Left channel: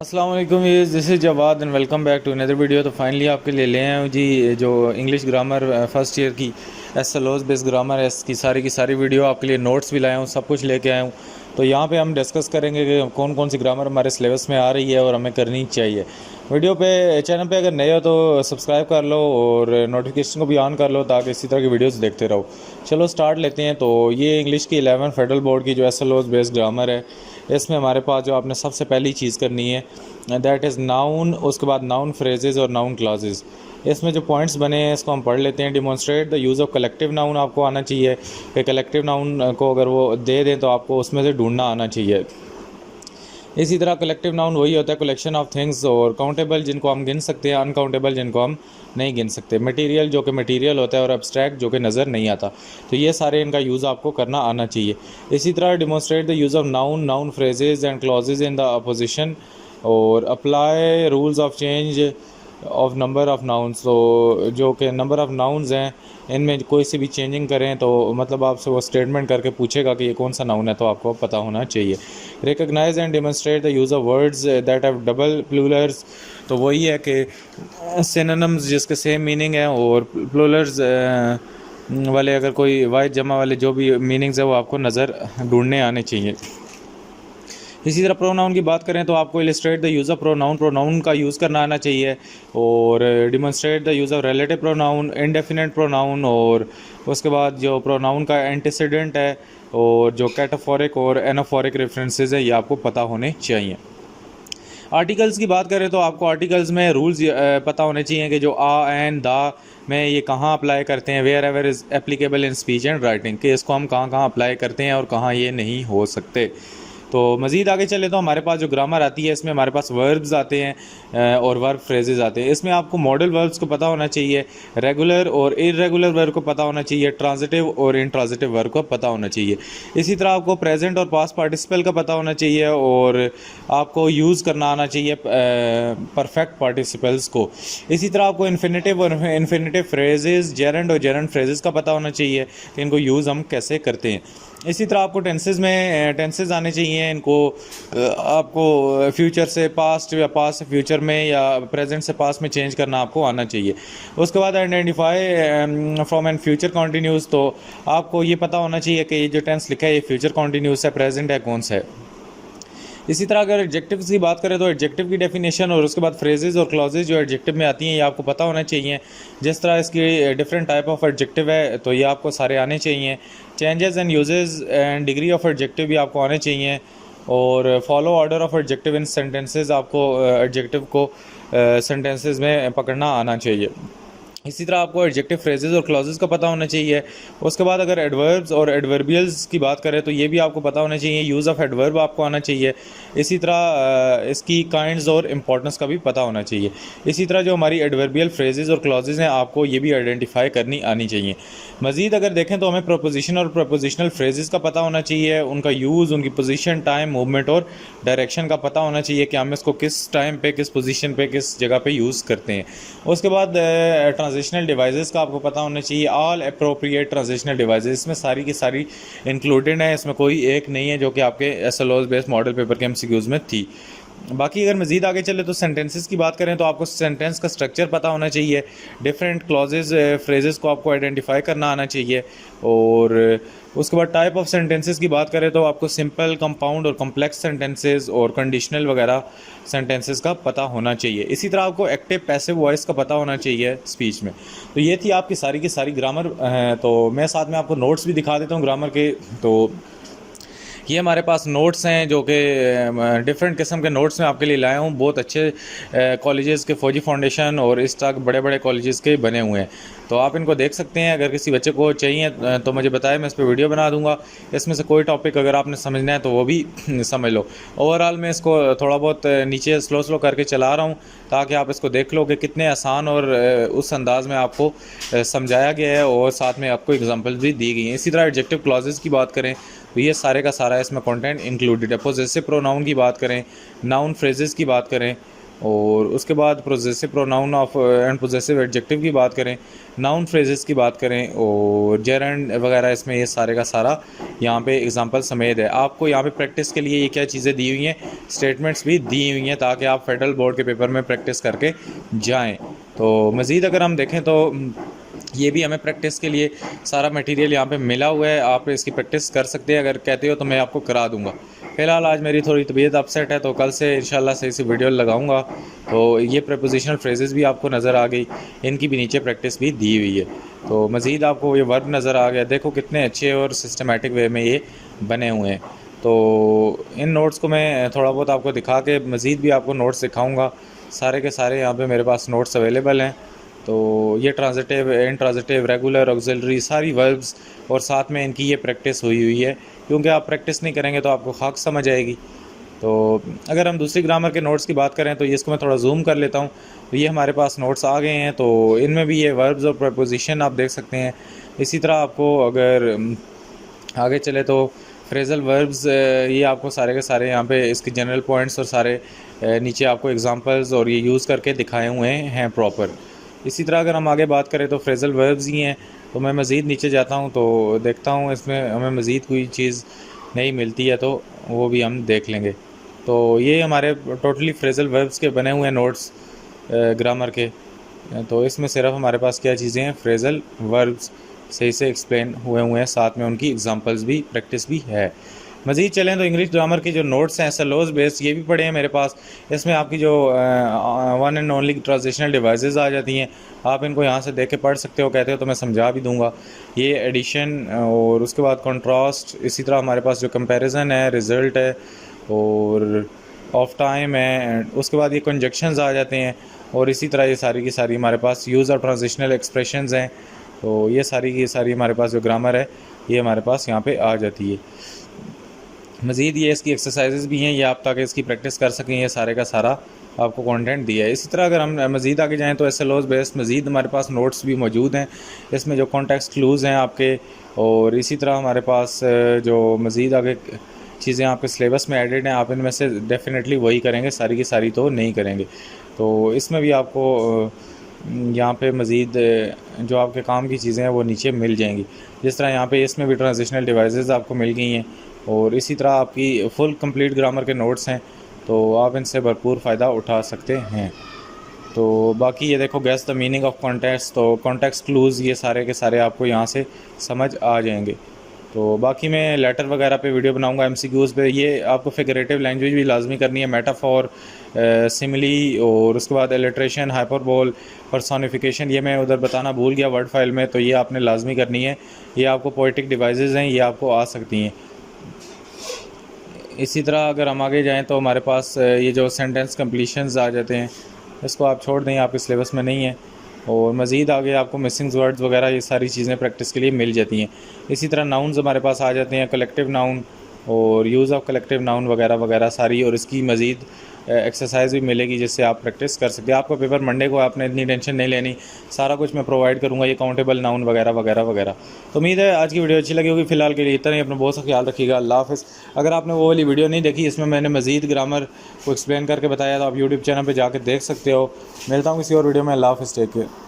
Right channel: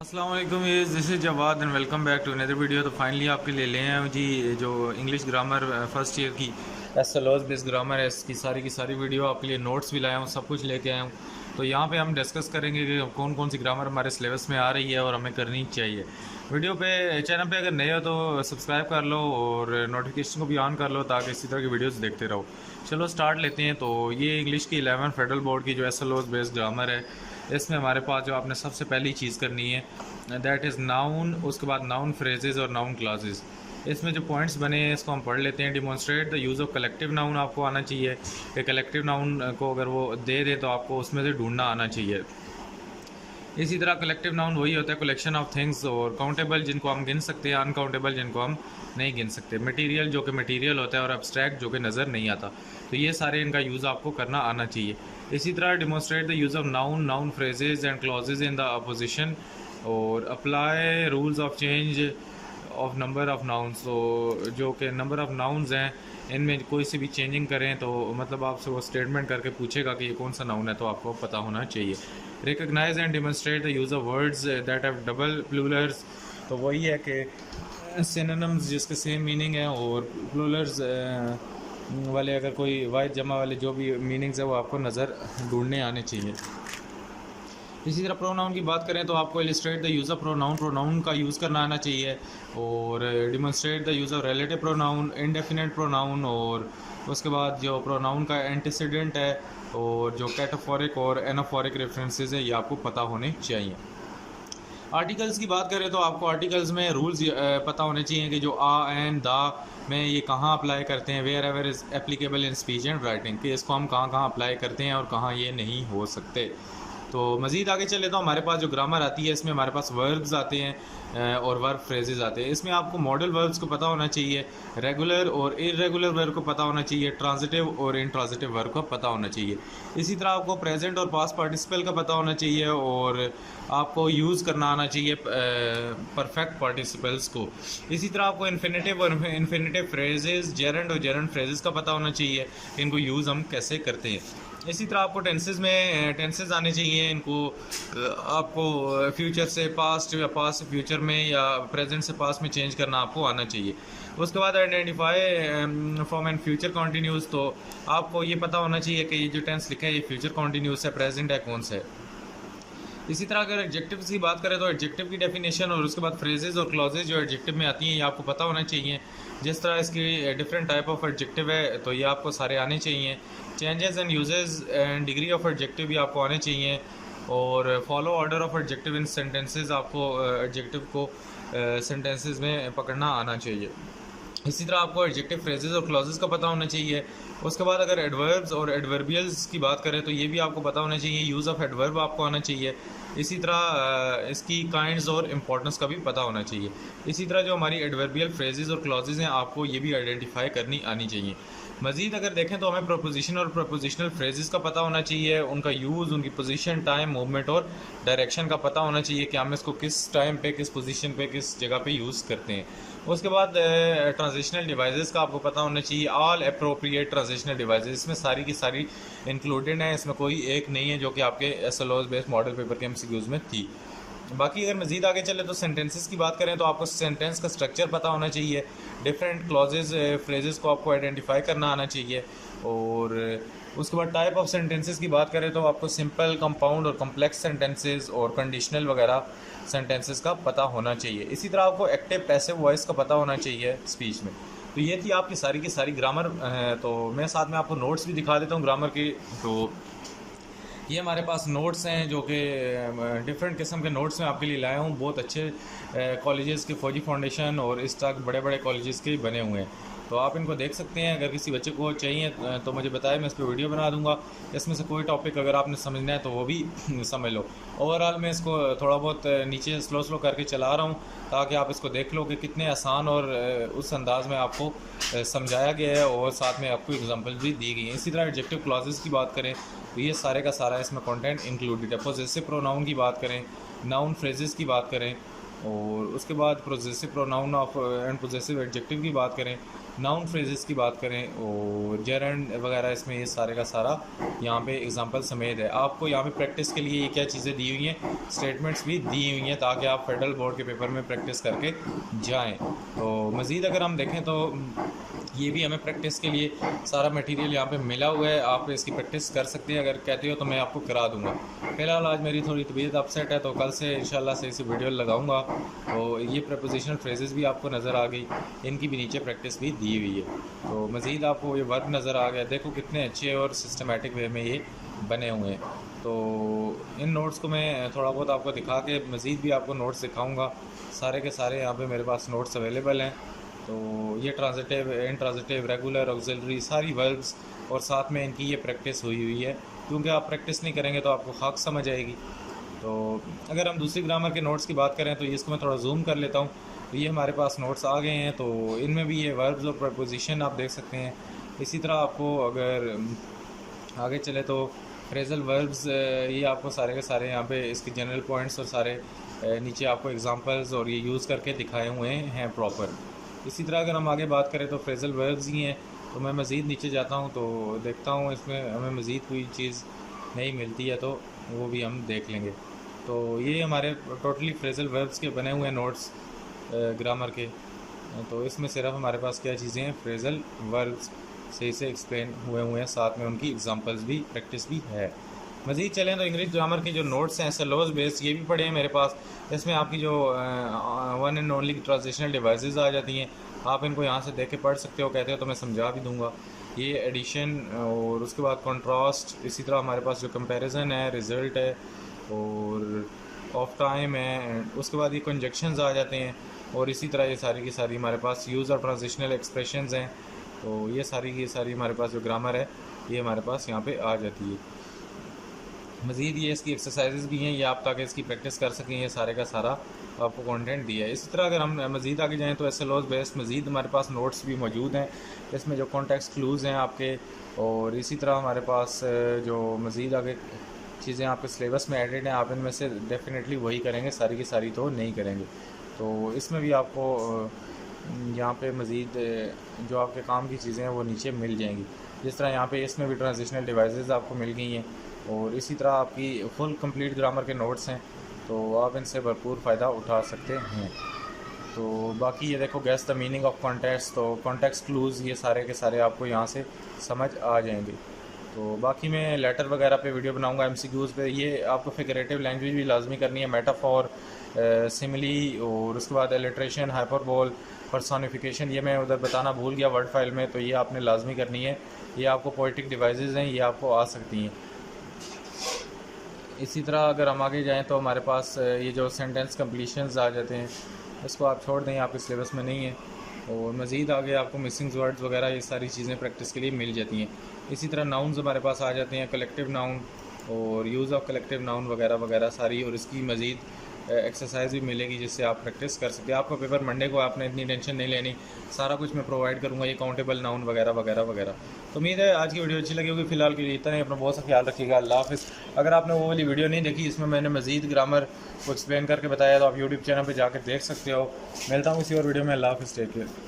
अस्सलाम वालेकुम, this is Jawad and welcome back to another video. तो फाइनली आपके लिए ले आए हूँ जी जो इंग्लिश ग्रामर फर्स्ट ईयर की एसएलओस बेस्ड ग्रामर है, इसकी की सारी वीडियो आपके लिए नोट्स भी लाया हूँ, सब कुछ लेके आया हूँ। तो यहाँ पे हम डिस्कस करेंगे कि कौन कौन सी ग्रामर हमारे सिलेबस में आ रही है और हमें करनी चाहिए। वीडियो पे चैनल पे अगर नए हो तो सब्सक्राइब कर लो और नोटिफिकेशन को भी ऑन कर लो ताकि इसी तरह की वीडियोस देखते रहो। चलो स्टार्ट लेते हैं। तो ये इंग्लिश की 11 फेडरल बोर्ड की जो एसएलओस बेस्ड ग्रामर है, इसमें हमारे पास जो आपने सबसे पहली चीज़ करनी है दैट इज़ नाउन, उसके बाद नाउन फ्रेजेस और नाउन क्लासेस। इसमें जो पॉइंट्स बने हैं इसको हम पढ़ लेते हैं। Demonstrate the use of collective noun आपको आना चाहिए कि कलेक्टिव नाउन को अगर वो दे दें तो आपको उसमें से ढूंढना आना चाहिए। इसी तरह कलेक्टिव नाउन वही होता है कलेक्शन ऑफ थिंग्स, और काउंटेबल जिनको हम गिन सकते हैं, अनकाउंटेबल जिनको हम नहीं गिन सकते। मटेरियल जो कि मटेरियल होता है और एब्स्ट्रैक्ट जो कि नज़र नहीं आता। तो ये सारे इनका यूज़ आपको करना आना चाहिए। इसी तरह demonstrate the use of noun, noun phrases and clauses in the apposition, और apply rules of change of number of nouns. तो जो कि नंबर ऑफ नाउन्स हैं इनमें कोई सी भी चेंजिंग करें तो मतलब आपसे वो स्टेटमेंट करके पूछेगा कि ये कौन सा नाउन है, तो आपको पता होना चाहिए। Recognise and demonstrate the use of words that have double plurals. तो वही है कि सिनोनिम्स जिसके सेम मीनिंग है और प्लूरल्स वाले अगर कोई वाहिद जमा वाले जो भी मीनिंग्स है वो आपको नज़र ढूंढने आने चाहिए। इसी तरह प्रोनाउन की बात करें तो आपको illustrate the use of pronoun, pronoun का यूज़ करना आना चाहिए, और demonstrate the use of relative pronoun, indefinite pronoun, और उसके बाद जो प्रोनाउन का एंटीसीडेंट है और जो कैटाफोरिक और एनाफोरिक रेफरेंसेस है ये आपको पता होने चाहिए। आर्टिकल्स की बात करें तो आपको आर्टिकल्स में रूल्स पता होने चाहिए कि जो आ एंड दा में ये कहाँ अप्लाई करते हैं, wherever is applicable in speech and writing, कि इसको हम कहाँ कहाँ अप्लाई करते हैं और कहाँ ये नहीं हो सकते। तो मज़ीद आगे चले तो हमारे पास जो ग्रामर आती है इसमें हमारे पास वर्ब्स आते हैं और वर्ब फ्रेजेस आते हैं। इसमें आपको मॉडल वर्ब्स को पता होना चाहिए, रेगुलर और इरेगुलर वर्ब को पता होना चाहिए, ट्रांजिटिव और इंट्रांजिटिव वर्ब को पता होना चाहिए। इसी तरह आपको प्रेजेंट और पास्ट पार्टिसिपल का पता होना चाहिए, और आपको यूज़ करना आना चाहिए परफेक्ट पार्टिसिपल्स को। इसी तरह आपको इन्फिनेटिव और इन्फिनेटिव फ्रेजेस, जेरेंड और जेरेंड फ्रेजेस का पता होना चाहिए कि इनको यूज़ हम कैसे करते हैं। इसी तरह आपको टेंसेस में टेंसेस आने चाहिए, इनको आपको फ्यूचर से पास्ट या पास्ट से फ्यूचर में या प्रेजेंट से पास्ट में चेंज करना आपको आना चाहिए। उसके बाद identify from and future continuous, तो आपको ये पता होना चाहिए कि ये जो टेंस लिखा है ये फ्यूचर कॉन्टीन्यूस है, प्रेजेंट है, कौन सा है। इसी तरह अगर एडजेक्टिव्स की बात करें तो एडजेक्टिव की डेफिनेशन और उसके बाद फ्रेजेस और क्लॉजेज जो एडजेक्टिव में आती हैं ये आपको पता होना चाहिए। जिस तरह इसकी डिफरेंट टाइप ऑफ एडजेक्टिव है तो ये आपको सारे आने चाहिए। Changes and uses and degree of adjective भी आपको आने चाहिए, और follow order of adjective in sentences, आपको एडजेक्टिव को सेंटेंसेस में पकड़ना आना चाहिए। इसी तरह आपको एडजेक्टिव फ्रेजेस और क्लॉजेस का पता होना चाहिए। उसके बाद अगर एडवर्ब्स और एडवर्बियल्स की बात करें तो ये भी आपको पता होना चाहिए, यूज़ ऑफ एडवर्ब आपको आना चाहिए। इसी तरह इसकी काइंड्स और इम्पोर्टेंस का भी पता होना चाहिए। इसी तरह जो हमारी एडवर्बियल फ्रेजेस और क्लॉजेस हैं आपको ये भी आइडेंटिफाई करनी आनी चाहिए। मज़ीद अगर देखें तो हमें प्रपोजिशन और प्रपोजिशनल फ्रेजेस का पता होना चाहिए, उनका यूज़, उनकी पोजीशन, टाइम, मूवमेंट और डायरेक्शन का पता होना चाहिए कि हम इसको किस टाइम पे, किस पोजीशन पे, किस जगह पे यूज़ करते हैं। उसके बाद ट्रांजिशनल डिवाइसेस का आपको पता होना चाहिए, ऑल अप्रोप्रिएट ट्रांजिशनल डिवाइसेस, इसमें सारी की सारी इंक्लूडेड है, इसमें कोई एक नहीं है जो कि आपके एसएलओएस बेस्ड मॉडल पेपर के एमसीक्यूज़ में थी। बाकी अगर मज़ीद आगे चले तो सेंटेंसेस की बात करें तो आपको सेंटेंस का स्ट्रक्चर पता होना चाहिए, डिफरेंट क्लॉजेज फ्रेजेस को आपको आइडेंटिफाई करना आना चाहिए, और उसके बाद टाइप ऑफ सेंटेंसेस की बात करें तो आपको सिंपल, कंपाउंड और कम्प्लेक्स सेंटेंसेस और कंडीशनल वगैरह सेंटेंसेस का पता होना चाहिए। इसी तरह आपको एक्टिव पैसिव वॉइस का पता होना चाहिए स्पीच में। तो ये थी आपकी सारी की सारी ग्रामर। तो मैं साथ में आपको नोट्स भी दिखा देता हूँ ग्रामर के। तो ये हमारे पास नोट्स हैं जो कि डिफरेंट किस्म के नोट्स मैं आपके लिए लाया हूँ। बहुत अच्छे कॉलेजेस के, फौजी फाउंडेशन और इस तरह बड़े बड़े कॉलेजेस के बने हुए हैं। तो आप इनको देख सकते हैं। अगर किसी बच्चे को चाहिए तो मुझे बताएं, मैं इस पर वीडियो बना दूंगा। इसमें से कोई टॉपिक अगर आपने समझना है तो वो भी समझ लो। ओवरऑल मैं इसको थोड़ा बहुत नीचे स्लो स्लो करके चला रहा हूँ ताकि आप इसको देख लो कि कितने आसान और उस अंदाज में आपको समझाया गया है, और साथ में आपको एग्जांपल भी दी गई हैं। इसी तरह एडजेक्टिव क्लॉजेस की बात करें तो ये सारे का सारा इसमें कंटेंट इंक्लूडेड है। पोजेसिव प्रोनाउन की बात करें, नाउन फ्रेजेस की बात करें, और उसके बाद possessive pronoun of and possessive adjective की बात करें, नाउन फ्रेजेस की बात करें और जेरंड वगैरह, इसमें ये सारे का सारा यहाँ पे एग्जांपल समेत है। आपको यहाँ पे प्रैक्टिस के लिए ये क्या चीज़ें दी हुई हैं, स्टेटमेंट्स भी दी हुई हैं ताकि आप फेडरल बोर्ड के पेपर में प्रैक्टिस करके जाएँ। तो मज़ीद अगर हम देखें तो ये भी हमें प्रैक्टिस के लिए सारा मटेरियल यहाँ पे मिला हुआ है, आप इसकी प्रैक्टिस कर सकते हैं। अगर कहते हो तो मैं आपको करा दूंगा। फ़िलहाल आज मेरी थोड़ी तबीयत अपसेट है, तो कल से इंशाल्लाह सही से वीडियो लगाऊंगा। तो ये प्रपोजिशनल फ्रेजेस भी आपको नज़र आ गई, इनकी भी नीचे प्रैक्टिस भी दी हुई है। तो मज़ीद आपको ये वर्ब नज़र आ गया, देखो कितने अच्छे और सिस्टमेटिक वे में ये बने हुए हैं। तो इन नोट्स को मैं थोड़ा बहुत आपको दिखा के मज़ीद भी आपको नोट्स दिखाऊँगा। सारे के सारे यहाँ पर मेरे पास नोट्स अवेलेबल हैं। तो ये ट्रांजिटिव, इंट्रांजिटिव, रेगुलर, ऑक्सिलरी, सारी वर्ब्स और साथ में इनकी ये प्रैक्टिस हुई है, क्योंकि आप प्रैक्टिस नहीं करेंगे तो आपको खाक समझ आएगी। तो अगर हम दूसरी ग्रामर के नोट्स की बात करें तो ये इसको मैं थोड़ा जूम कर लेता हूँ। तो ये हमारे पास नोट्स आ गए हैं, तो इनमें भी ये वर्ब्स और प्रपोजिशन आप देख सकते हैं। इसी तरह आपको अगर आगे चले तो फ्रेजल वर्ब्स, ये आपको सारे के सारे यहाँ पे इसके जनरल पॉइंट्स और सारे नीचे आपको एग्जांपल्स और ये यूज़ करके दिखाए हुए हैं प्रॉपर। इसी तरह अगर हम आगे बात करें तो फ्रेजल वर्ब्स ही हैं। तो मैं मज़ीद नीचे जाता हूँ तो देखता हूँ इसमें हमें मज़ीद कोई चीज़ नहीं मिलती है, तो वो भी हम देख लेंगे। तो ये हमारे टोटली फ्रेजल वर्ब्स के बने हुए नोट्स ग्रामर के। तो इसमें सिर्फ हमारे पास क्या चीज़ें हैं, फ्रेजल वर्ब्स सही से एक्सप्लेन हुए हैं, साथ में उनकी एग्जांपल्स भी, प्रैक्टिस भी है। मज़ीद चलें तो इंग्लिश ग्रामर की जो नोट्स हैं सलोज बेस्ड, ये भी पड़े हैं मेरे पास। इसमें आपकी जो one and only translational devices आ जाती हैं, आप इनको यहाँ से देख के पढ़ सकते हो। कहते हो तो मैं समझा भी दूंगा। ये एडिशन और उसके बाद कंट्रास्ट, इसी तरह हमारे पास जो कंपैरिजन है, रिज़ल्ट है और ऑफ टाइम है, उसके बाद ये कंजक्शंस आ जाते हैं। और इसी तरह ये सारी की सारी हमारे पास यूज़ और ट्रांजिशनल एक्सप्रेशंस हैं। तो ये सारी की सारी हमारे पास जो ग्रामर है ये हमारे पास यहाँ पे आ जाती है। मज़ीद ये इसकी एक्सरसाइजेस भी हैं, ये आप ताकि इसकी प्रैक्टिस कर सकें, ये सारे का सारा आपको कंटेंट दिया है। इसी तरह अगर हम मज़ीद आगे जाएँ तो एसएलओज़ बेस्ड मज़ीद हमारे पास नोट्स भी मौजूद हैं। इसमें जो कॉन्टेक्स्ट क्लूज़ हैं आपके, और इसी तरह हमारे पास जो मज़ीद आगे चीज़ें आपके सिलेबस में एडेड हैं, आप इनमें से डेफिनेटली वही करेंगे, सारी की सारी तो नहीं करेंगे। तो इसमें भी आपको यहाँ पे मज़ीद जो आपके काम की चीज़ें हैं वो नीचे मिल जाएंगी। जिस तरह यहाँ पे इसमें भी ट्रांजिशनल डिवाइसेस आपको मिल गई हैं, और इसी तरह आपकी फुल कंप्लीट ग्रामर के नोट्स हैं, तो आप इनसे भरपूर फ़ायदा उठा सकते हैं। तो बाकी ये देखो, guess the meaning of context, तो कॉन्टेक्स्ट क्लूज़ ये सारे के सारे आपको यहाँ से समझ आ जाएंगे। तो बाकी मैं लेटर वगैरह पे वीडियो बनाऊंगा, एमसीक्यूज़ पे। ये आपको फिगरेटिव लैंग्वेज भी लाजमी करनी है, मेटाफोर, सिमिली, और उसके बाद एलिट्रेशन, हाइपरबोल, पर्सोनिफिकेशन, ये मैं उधर बताना भूल गया वर्ड फाइल में, तो ये आपने लाजमी करनी है। ये आपको पोइटिक डिवाइसेस हैं, ये आपको आ सकती हैं। इसी तरह अगर हम आगे जाएं तो हमारे पास ये जो सेंटेंस कंप्लीशंस आ जाते हैं, इसको आप छोड़ दें, आपके सिलेबस में नहीं है। और मज़ीद आगे आपको मिसिंग वर्ड्स वगैरह ये सारी चीज़ें प्रैक्टिस के लिए मिल जाती हैं। इसी तरह नाउन्स हमारे पास आ जाते हैं, कलेक्टिव नाउन और यूज़ ऑफ कलेक्टिव नाउन वगैरह वगैरह सारी, और इसकी मज़ीद एक्सरसाइज भी मिलेगी जिससे आप प्रैक्टिस कर सकते हैं। आपको पेपर मंडे को आपने इतनी टेंशन नहीं लेनी, सारा कुछ मैं प्रोवाइड करूँगा, ये काउंटेबल नाउन वगैरह वगैरह वगैरह। तो उम्मीद है आज की वीडियो अच्छी लगी होगी। फिलहाल के लिए इतना ही, अपना बहुत सा ख्याल रखिएगा। अल्लाह हाफ़िज़। अगर आपने वो वाली वीडियो नहीं देखी, इसमें मैंने मज़ीद ग्रामर को एक्सप्लेन करके बताया था, आप यूट्यूब चैनल पर जाकर देख सकते हो। मिलता हूँ किसी और वीडियो में। अल्लाह हाफ़िज़, टेक केयर।